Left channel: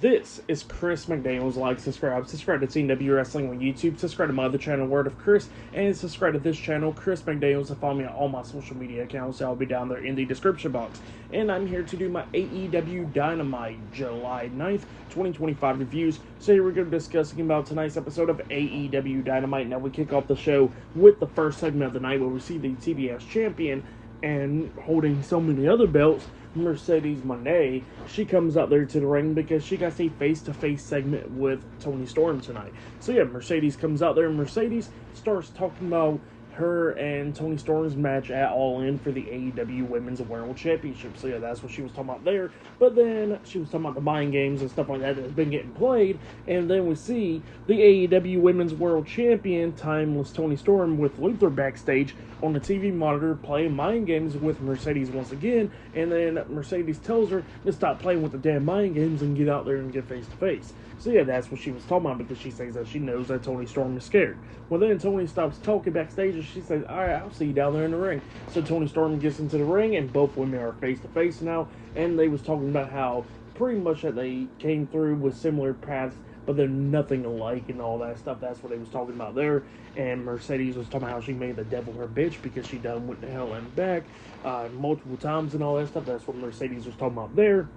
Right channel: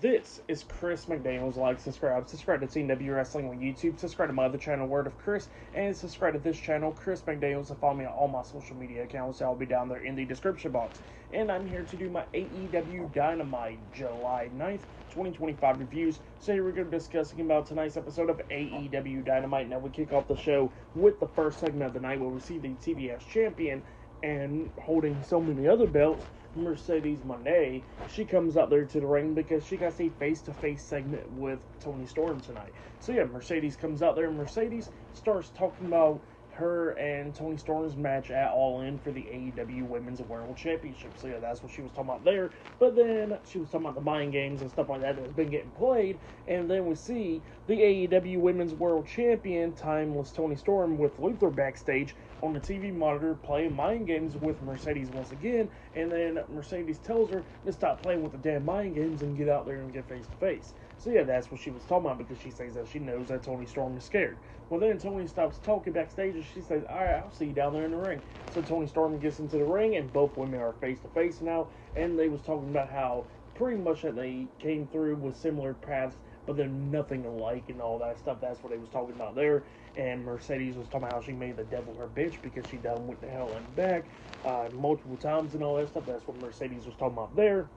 This is Chris McDaniels. Like, subscribe to AEW Wrestling on YouTube, subscribe to my other channel, Word of Chris, and subscribe to this channel, Chris McDaniels, and follow me on all my social media accounts. I'll be down there in the description box. And I'm here to do my AEW Dynamite July 9th, 2025 reviews. So here we're going to be discussing about tonight's episode of AEW Dynamite. Now we kick off the show with the first segment of the night where we see the TBS champion and holding so many other belts, Mercedes Moné. She comes out there to the ring because she got a face-to-face segment with Toni Storm tonight. So yeah, Mercedes comes out there and Mercedes starts talking about her and Toni Storm's match at All In for the AEW Women's World Championship. So yeah, that's what she was talking about there. But then she was talking about the mind games and stuff like that that's been getting played. And then we see the AEW Women's World Champion, Timeless Toni Storm, with Luther backstage on the TV monitor playing mind games with Mercedes once again. And then Mercedes tells her to stop playing with the damn mind games and get out there and get face to face. So yeah, that's what she was talking about because she says that she knows that Toni Storm is scared. Well, then Toni stops talking backstage and she says, "All right, I'll see you down there in the ring." So Toni Storm gets into the ring and both women are face to face now. And they was talking about how pretty much that they came through with similar paths, but they're nothing alike and all that stuff. That's what they was talking about there. And Mercedes was talking about how she made the devil her bitch because she done went to hell and back multiple times and all that stuff. That's what Mercedes was talking about there.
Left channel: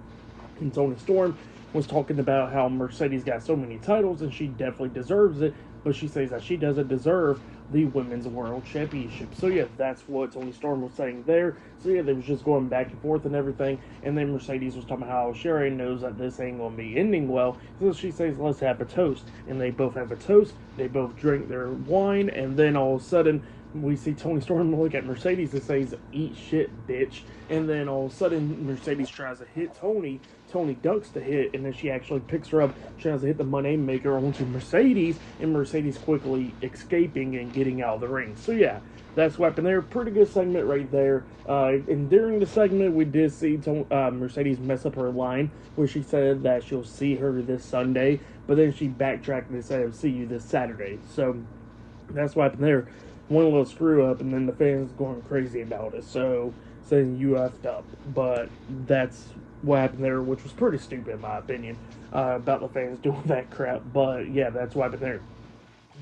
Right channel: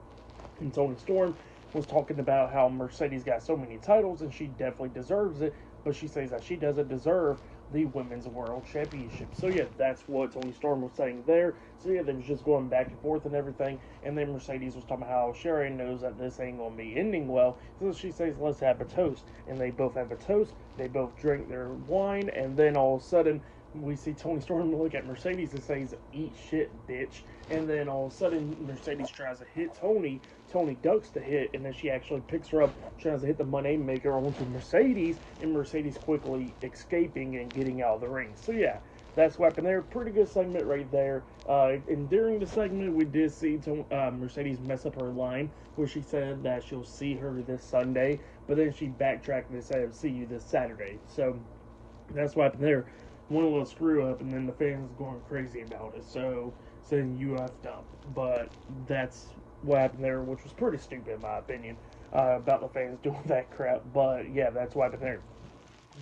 And Toni Storm was talking about how Mercedes got so many titles and she definitely deserves it, but she says that she doesn't deserve the Women's World Championship. So yeah, that's what Toni Storm was saying there. So yeah, they was just going back and forth and everything. And then Mercedes was talking about how Sherry knows that this ain't going to be ending well. So she says, "Let's have a toast." And they both have a toast. They both drink their wine. And then all of a sudden, we see Toni Storm look at Mercedes and says, "Eat shit, bitch." And then all of a sudden, Mercedes tries to hit Toni. Toni ducks the hit, and then she actually picks her up, tries to hit the Moné Maker onto Mercedes, and Mercedes quickly escaping and getting out of the ring. So yeah, that's what happened there. Pretty good segment right there. And during the segment, we did see Mercedes mess up her line, where she said that she'll see her this Sunday, but then she backtracked and said, "See you this Saturday." So that's what happened there. One little screw up, and then the fans going crazy about it. So saying you effed up, but that's what happened there, which was pretty stupid in my opinion, about the fans doing that crap. But yeah, that's what happened there.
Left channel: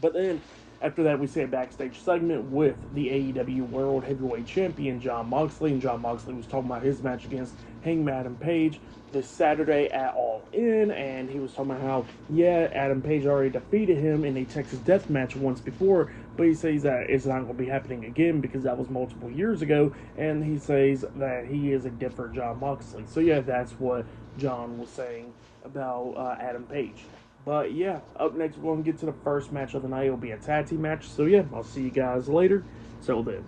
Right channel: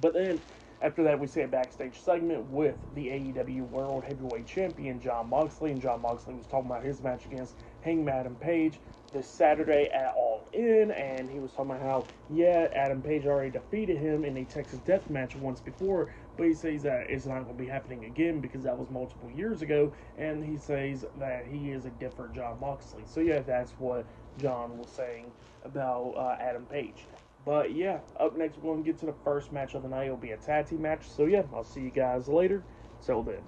But then after that, we see a backstage segment with the AEW World Heavyweight Champion Jon Moxley, and Jon Moxley was talking about his match against Hangman Adam Page this Saturday at All In, and he was talking about how, yeah, Adam Page already defeated him in a Texas Death Match once before, but he says that it's not going to be happening again because that was multiple years ago, and he says that he is a different Jon Moxley. So yeah, that's what Jon was saying about Adam Page. But yeah, up next we're going to get to the first match of the night. It'll be a tag team match. So yeah, I'll see you guys later. Till then.